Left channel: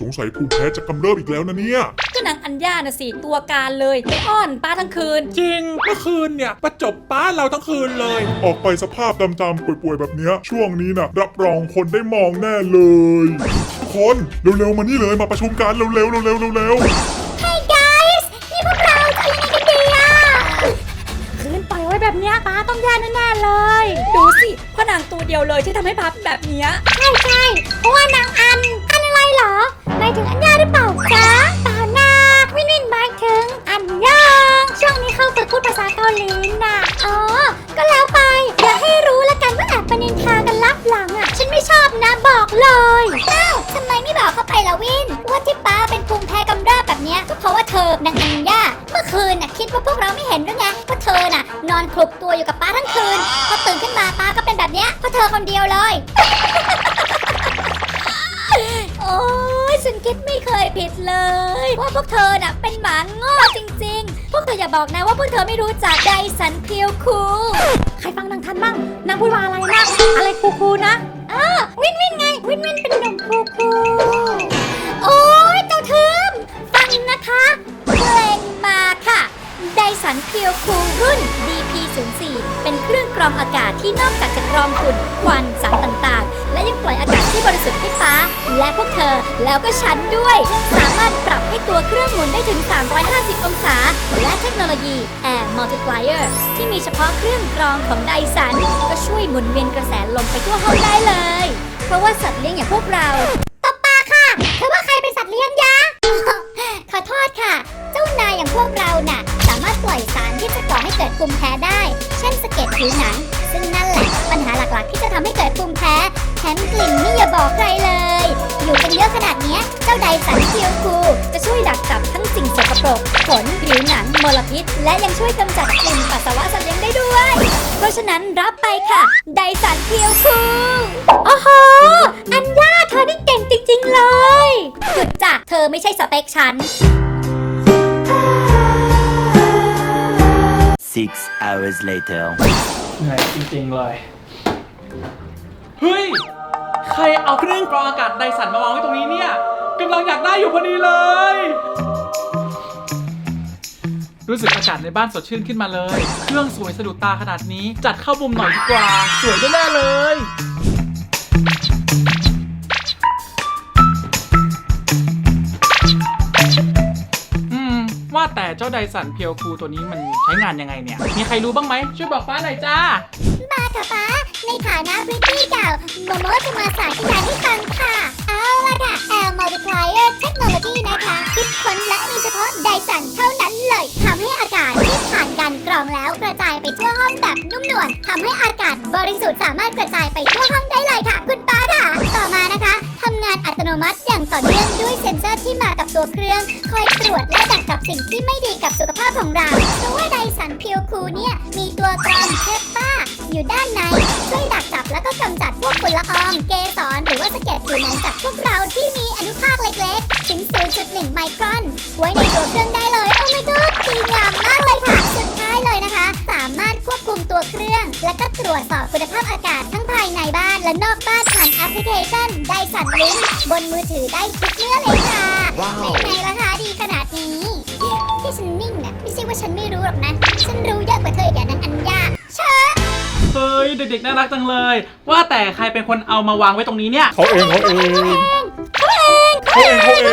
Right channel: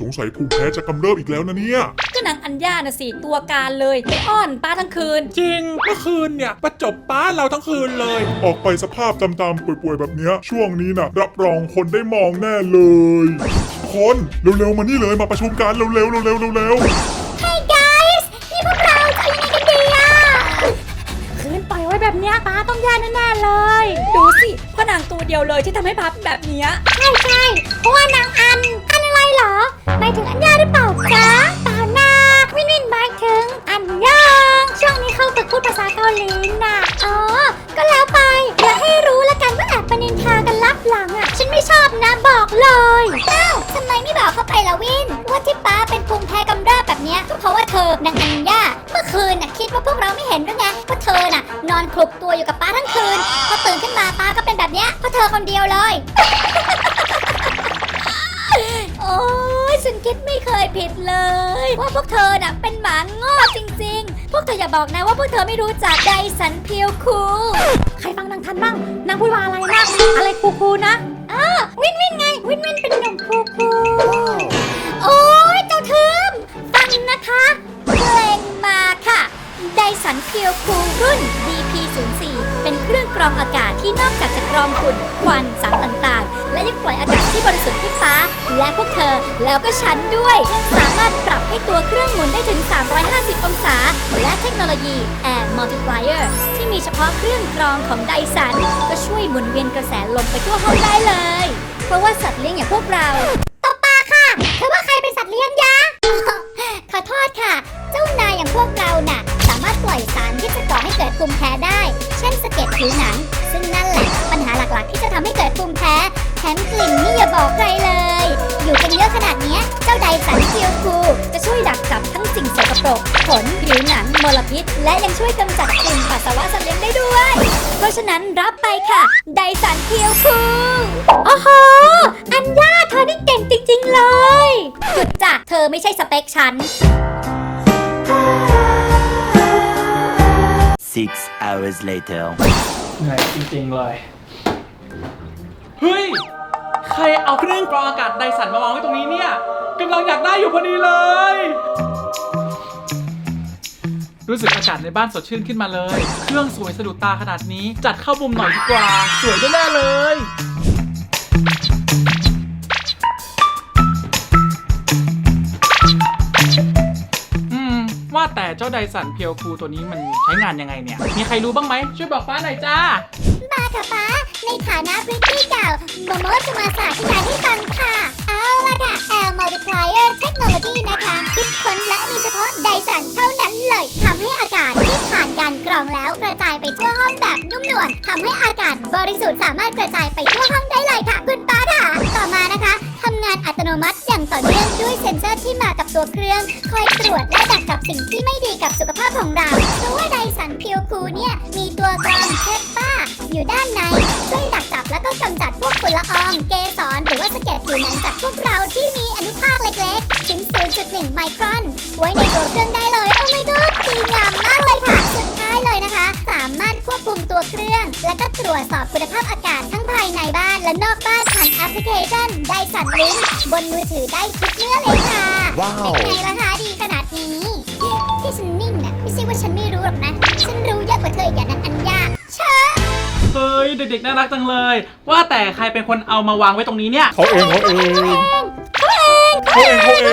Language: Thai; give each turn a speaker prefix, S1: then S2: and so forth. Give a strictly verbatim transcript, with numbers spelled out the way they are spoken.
S1: สงสัยภูมิแพ้จะกำเริบอีกแล้วนะเนี่ย
S2: ก็นางอัญญาน่ะสิตัวการเลยไปอ้อนป้าทั้งคืน
S3: จริงเมื่อคืนเนี่ยประจบป้าเราทั้งคืนเลย
S1: ออกไปสภาพตามๆป่วยๆแบบเนี้ยช่วงนี้นะรับรองคนได้มองแน่เลยทุกคนเร็วๆมานี่เลยมาประชุมกันเร็วๆเร็วๆเร็วๆ
S2: Hey guys ที่พวกเราจะทำกันดีอ่ะคืนปล่อยไว้แบบเนี้ยป้าต้องแย่แน่ๆเลยดูสิเพราะนางตัวเดียวเลยที่ทำให้ป้าเป็นแบบเนี้ยใช่ใช่เพราะว่านางอันอันอะไรเหรอไม่ถึงอัญญาหรือเปล่าจ๊ะตาหน้าวินวินหมายถึงอัญญาช่วงนี้เข้ามาพูดภาษาเกาหลีน่ะอ๋อก็แล้วไปอย่าให้รู้แล้วกันว่าแอบไปนินทากันลับหลังอ่ะฉันไม่ชอบนะบอกเลยอ้าวทำไมไม่บอกเข้าไปล่ะวินว่าที่ป้าเป็นภูมิแพ้กำเริบแบบเนี้ยเพราะว่าเธอนางอัญญาเมื่อคืนน่ะคิดว่าพวกเราไม่เห็นหรือไงว่าเธอน่ะนอนคลุกตัวอยู่กับป้าทั้งคืนพอตื่นขึ้นมาป้าก็เป็นแบบเนี้ยเพราะเธอคนเดียวเลยโอ้ยฉันคิดไม่เคยผิดเลยว่าพวกเธอเนี่ยเป็นหมาโง่จริงๆพวกเธออย่าบอกนะว่าพวกเธอไม่รู้จักไดสันเพียวคูใครฟังนางทัดบ้างนางพูดว่าอะไรนะอะไรคูคูนะอ้าวินวินไงวินวินเป็นนางคูคูโอ้ยเจ้าเทิมฟังนะคะเพลงมาค่ะไดสันเพียวคูรุ่น บี พี ศูนย์ สี่ เป็นเครื่องกรองอากาศที่นอกจากจะกรองฝุ่นควันสารต่างๆและยังปล่อยอากาศที่บริสุทธิ์ขึ้นฟ้าและพวกเธอแล้วก็ฉันด้วยสามารถปรับให้ตัวเครื่องหมุนได้ถึงสามร้อยห้าสิบองศาและเทคโนโลยี Air Multiplier ที่มีเฉพาะเครื่องกรองของไดสันก็ช่วยหมุนเวียนกระแสลมไปทั่วห้องได้เลยเพราะว่าสัตว์เลี้ยงอย่างพวกเราปอปาค่ะเธอว่าใครเป็นสัตว์เลี้ยงยะขอโทษค่ะเจ้านายอย่างพวกเราน่ะสามารถปล่อยสารที่จะก่อให้เกิดภูมิแพ้ได้เช่นสะเก็ดผิวหนังซึ่งนั่นแหละปัญหาหลักๆที่จะทำให้เกิดภูมิแพ้แถมกลิ่นนี่อย่าบอกใครเลยอยู่กันเยอะขนาดนี้เจ้าไดสันเพียวคูจะช่วยดักจับทั้งสิ่งสกปรกขนผิวหนังมลพิษและยังช่วยกำจัดกลิ่นปัสสาวะสลิงได้ด้วยเพราะฉะนั้นรับไปค่ะไดสันเพียวคูโอ้โหอัญญาเธอได้เก่งจริงๆเลยหยุดจ้ะเธอไม่ใช่สเปคฉัน
S4: Six hours later
S3: เหนื่อยจริงๆเลยเฮ้ยใครเอาเครื่องกรองอากาศไดสันมาวางไว้ตรงนี้เนี่ยกำลังอยากได้อยู่พอดีเลยรู้สึกอากาศในบ้านสดชื่นขึ้นมาเลยเครื่องสวยสะดุดตาขนาดนี้จัดเข้ามุมหน่อยดีกว่าสวยแน่ๆเลยอืมว่าแต่เจ้าไดสันเพียวคูตัวนี้มันใช้งานยังไงเนี่ยมีใครรู้บ้างไหมช่วยบอกป้าหน่อยจ้า
S2: มาค่ะป้าในฐานะพื้นที่เก่าโมโมจะมาสาธิตให้ฟังค่ะเอาละค่ะ Air Multiplier Technology นะคะคิดค้นและมีเฉพาะไดสันเท่านั้นเลยทำให้อากาศที่ผ่านการกรองแล้วกระจายไปทั่วห้องแบบนุ่มนวลทำให้อากาศบริสุทธิ์สามารถกระจายไปทั่วห้องได้เลยค่ะคุณป้าค่ะต่อมานะคะทำงานอัตโนมัติอย่างต่อเนื่องด้วยเซ็นเซอร์ที่มากับตัวเครื่องคอยตรวจและดักจับสิ่งที่ไม่ดีกับสุขภาพของเราเพราะว่าไดสันเพียวคูเนี่ยมีตัวกรองเชฟป้าอยู่ด้านในช่วยดักจับแล้วก็กำจัดพวกฝุ่นละอองเกสรหรือว่าสะเก็ดผิวหนังจากพวกเราที่มีอนุภาคเล็กๆถึง ศูนย์จุดหนึ่ง ไมครอนไว้ในตัวเครื่องได้เลยโอ้ยน้องมีอย่างมากเลยค่ะสุดท้ายเลยนะคะสามารถควบคุมตัวเครื่องและก็ตรวจสอบคุณภาพอากาศทั้งภายในบ้านและนอกบ้านผ่านแอปพลิเคชันไดสันลิงบนมือถือได้ทุกเครื่องเลยค่ะเป็นไงล่ะคะดีขนาดนี้ที่ฉันนิ่งนะไม่ใช่ว่าฉันไม่รู้หรอกนะฉันรู้เยอะกว่าเธออย่างนั้นอัญญาเชิญ
S3: เฮ้ยเด็กๆน่ารักจังเลยว่าแต่ใครเป็นคนเอามาวางไว้ตรงนี้เนี่ย
S1: เขาเองเขาเองเขาเองเขาเอง